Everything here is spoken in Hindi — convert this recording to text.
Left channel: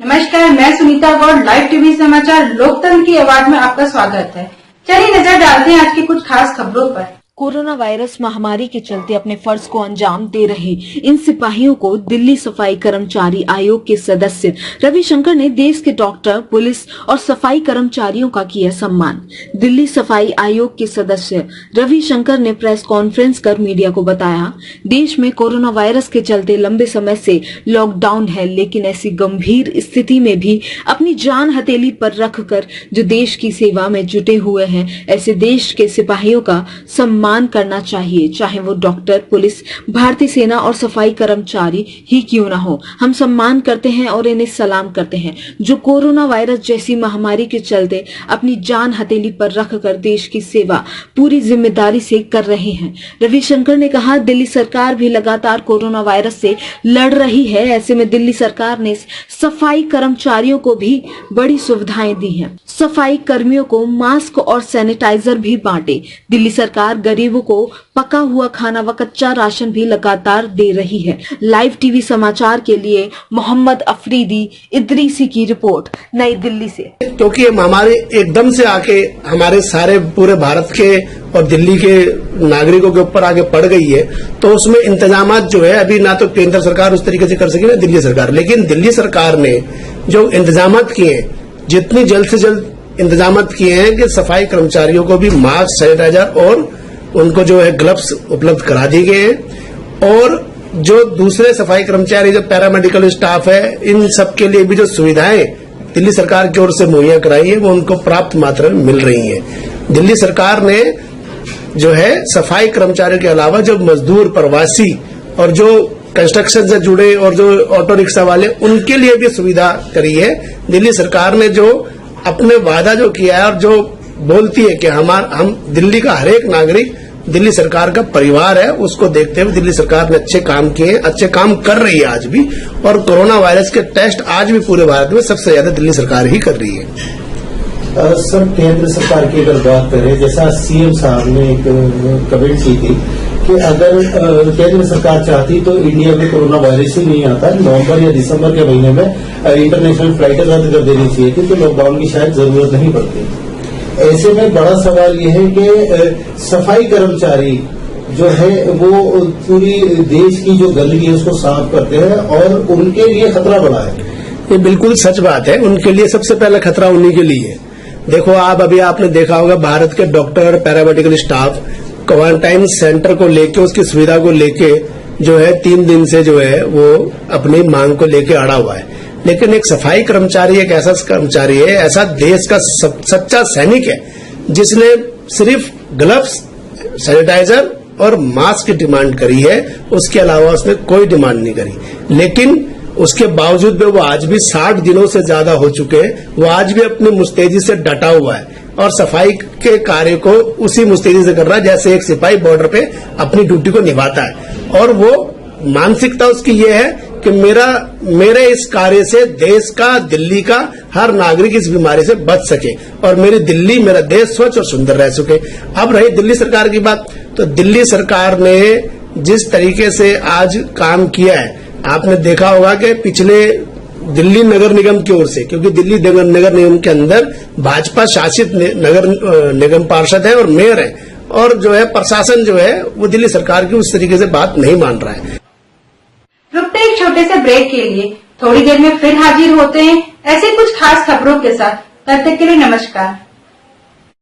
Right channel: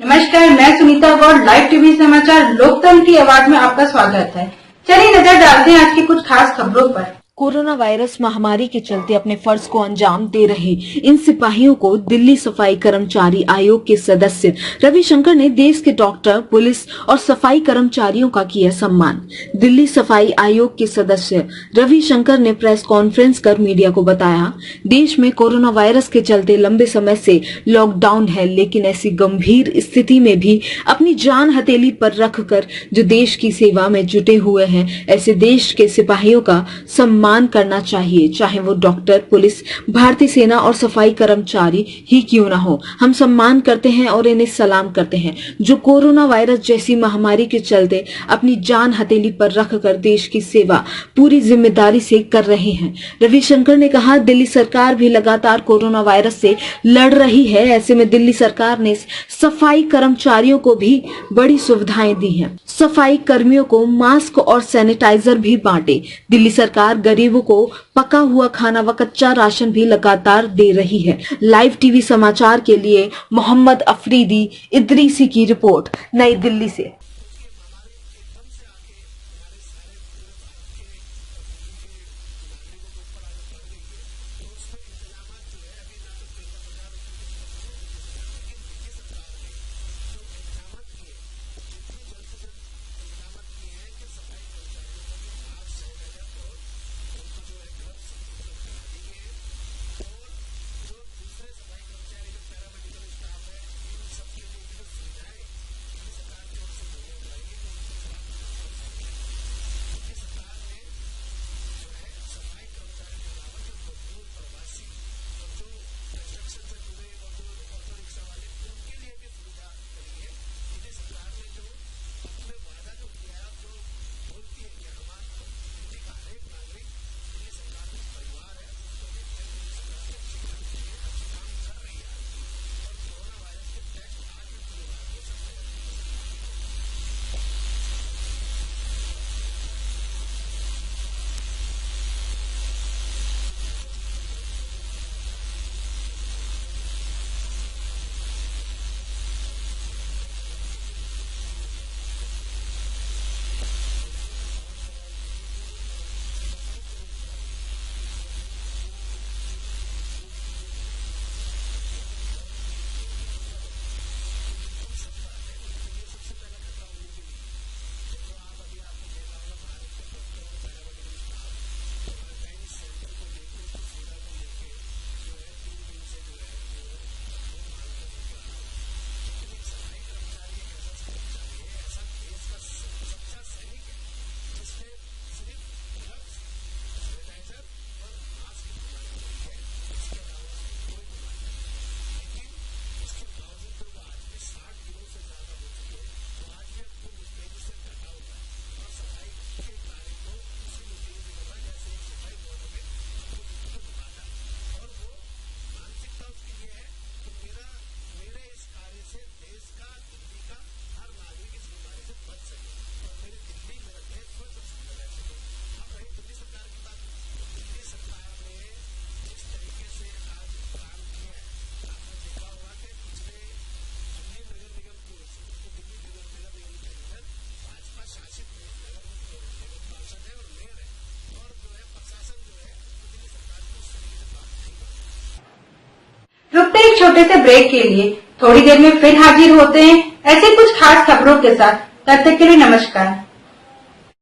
नमस्कार, मैं सुनीता गौड़। लाइव टीवी समाचार लोकतंत्र की आवाज में आपका स्वागत है। चलिए नजर डालते हैं आज की कुछ खास खबरों पर। कोरोना वायरस महामारी के चलते अपने फर्ज को अंजाम दे रहे इन सिपाहियों को दिल्ली सफाई कर्मचारी आयोग के सदस्य रविशंकर ने देश के डॉक्टर, पुलिस और सफाई कर्मचारियों का किया सम्मान। दिल्ली सफाई आयोग के सदस्य रविशंकर ने प्रेस कॉन्फ्रेंस कर मीडिया को बताया, देश में कोरोना वायरस के चलते लंबे समय से लॉकडाउन है, लेकिन ऐसी गंभीर स्थिति में भी अपनी जान हथेली पर रखकर जो देश की सेवा में जुटे हुए हैं, ऐसे देश के सिपाहियों का सम्मान करना चाहिए, चाहे वो डॉक्टर, पुलिस, भारतीय सेना और सफाई कर्मचारी ही क्यों ना हो। हम सम्मान करते हैं और इन्हें सलाम करते हैं जो कोरोना वायरस जैसी महामारी के चलते अपनी जान हथेली पर रखकर देश की सेवा पूरी जिम्मेदारी से कर रहे हैं। रविशंकर ने कहा, दिल्ली सरकार भी लगातार कोरोना वायरस से लड़ रही है। ऐसे में दिल्ली सरकार ने सफाई कर्मचारियों को भी बड़ी सुविधाएं दी हैं। सफाई कर्मियों को मास्क और सैनिटाइजर भी बांटे। दिल्ली सरकार गरीबों को पका हुआ खाना व कच्चा राशन भी लगातार दे रही है। लाइव टीवी समाचार के लिए मोहम्मद अफरीदी इदरीसी की रिपोर्ट, नई दिल्ली से। क्योंकि ये महामारी एकदम से आके हमारे सारे पूरे भारत के और दिल्ली के नागरिकों के ऊपर आगे पड़ गई है, तो उसमें इंतजाम जो है अभी ना तो केंद्र सरकार उस तरीके से कर सकी ना दिल्ली सरकार, लेकिन दिल्ली सरकार ने जो इंतजाम किए हैं, जितनी जल्द से जल्द इंतजाम किए हैं कि सफाई कर्मचारियों को भी मास्क, सैनिटाइजर और उनको जो है ग्लव्स उपलब्ध करा दिए गए हैं। और जो दूसरे सफाई कर्मचारी, जो पैरामेडिकल स्टाफ है, इन सब के लिए भी जो सुविधाएं दिल्ली सरकार की ओर से मुहैया कराई है वो उनको प्राप्त मात्रा में मिल रही है। दिल्ली सरकार ने जो है सफाई कर्मचारियों के अलावा जो मजदूर, प्रवासी और जो कंस्ट्रक्शन से जुड़े और जो ऑटो रिक्शा वाले, उनके लिए भी सुविधा करी है। दिल्ली सरकार ने जो अपने वादा जो किया है और जो बोलती है कि हम दिल्ली का हर एक नागरिक दिल्ली सरकार का परिवार है, उसको देखते हुए दिल्ली सरकार ने अच्छे काम किए, अच्छे काम कर रही है आज भी। और कोरोना वायरस के टेस्ट आज भी पूरे भारत में सबसे ज्यादा दिल्ली सरकार ही कर रही है। सर, केंद्र सरकार की अगर बात करें, जैसा सीएम साहब ने एक कमेंट की थी कि अगर केंद्र सरकार चाहती तो इंडिया में कोरोना वायरस ही नहीं आता, नवंबर या दिसंबर के महीने में इंटरनेशनल फ्लाइटें रद्द कर देनी चाहिए थी, तो लॉकडाउन की शायद जरूरत नहीं पड़ती। ऐसे में बड़ा सवाल ये है कि सफाई कर्मचारी जो है वो पूरी देश की जो गंदगी है उसको साफ करते हैं और उनके लिए खतरा बड़ा है। ये बिल्कुल सच बात है। उनके लिए सबसे पहला खतरा उन्हीं के लिए है। देखो, अभी आपने देखा होगा, भारत के doctor, paramedical staff quarantine centre को लेके, उसकी सुविधा को लेके जो है 3 दिन से जो है वो अपनी मांग को लेके अड़ा हुआ है। लेकिन एक सफाई कर्मचारी एक ऐसा कर्मचारी है, ऐसा देश का सच्चा सैनिक है, जिसने सिर्फ ग्लव्स, सैनिटाइजर और मास्क की डिमांड करी है। उसके अलावा उसने कोई डिमांड नहीं करी। लेकिन उसके बावजूद भी वो आज भी 60 दिनों से ज्यादा हो चुके हैं, वो आज भी अपनी मुस्तैदी से डटा हुआ है और सफाई के कार्य को उसी मुस्तैदी से कर रहा है जैसे एक सिपाही बॉर्डर पे अपनी ड्यूटी को निभाता है। और वो मानसिकता उसकी ये है कि मेरे इस कार्य से देश का, दिल्ली का हर नागरिक इस बीमारी से बच सके और मेरी दिल्ली, मेरा देश स्वच्छ और सुंदर रह सके। अब रही दिल्ली सरकार की बात, तो दिल्ली सरकार ने जिस तरीके से आज काम किया है, आपने देखा होगा कि पिछले दिल्ली नगर निगम की ओर से, क्योंकि दिल्ली नगर निगम के अंदर भाजपा शासित नगर निगम पार्षद है और मेयर है, और जो है प्रशासन जो है वो दिल्ली सरकार की उस तरीके से बात नहीं मान रहा है। रुकते एक छोटे से ब्रेक के लिए, थोड़ी देर में फिर हाजिर होते हैं ऐसे कुछ खास खबरों के साथ। तब तक के लिए नमस्कार।